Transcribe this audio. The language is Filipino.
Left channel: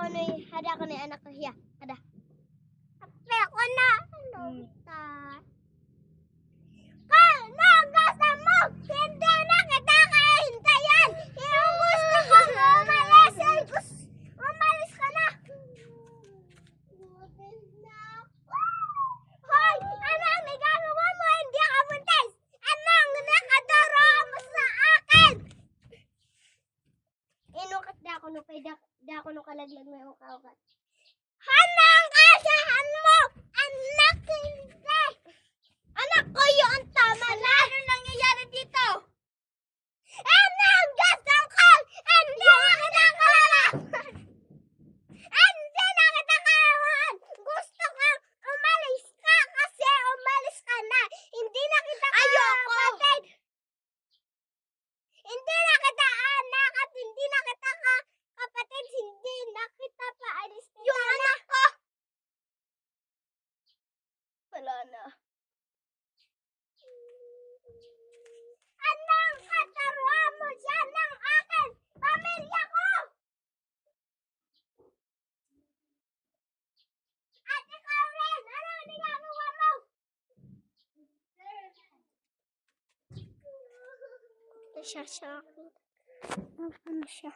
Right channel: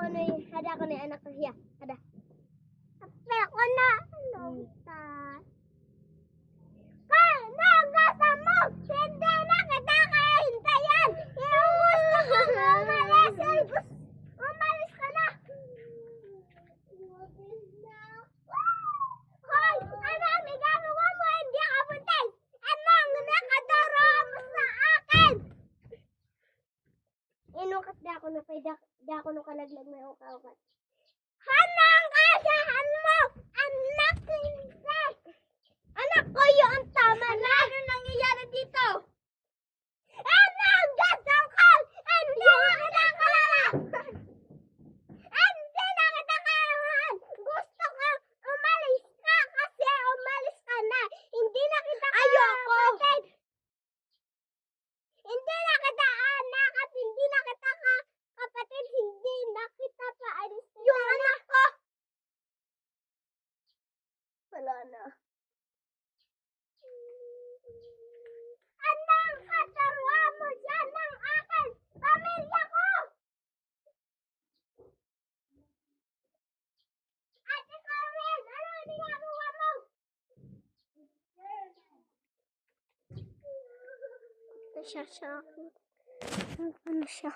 hada ko na anak ko hiya. Hada. Ape ko na. Ano ta? Nagasa mo! Hindi na kita kahintayan! Yung gusto ko umalis! Umalis ka na! Hoy! Anong nagagawa mo? Hindi ka buntis! Anong nakadoro mo sa akin? Inukat da ako no kay da ako no kalaglag may uka-ukat. Hanang kasahan mo! Anak hindi! Anak ko yun! Tama na! Ano nangyayari dito? Anong gusto ko? Hindi na kita kalaman! Hindi na kita kalaman! Gusto ko umalis ka kasi umalis ka na! Hindi na kita kapatid! Hindi na kita anak at hindi na kita kapatid! Hindi na kita paalis kita yung na! Anak ko! Wala na. Anong kataruhan mo siya ng akin? Pamilya ko! At ikaw rin! Anong ginagawa mo? Ito siya sa akin. Ano siya?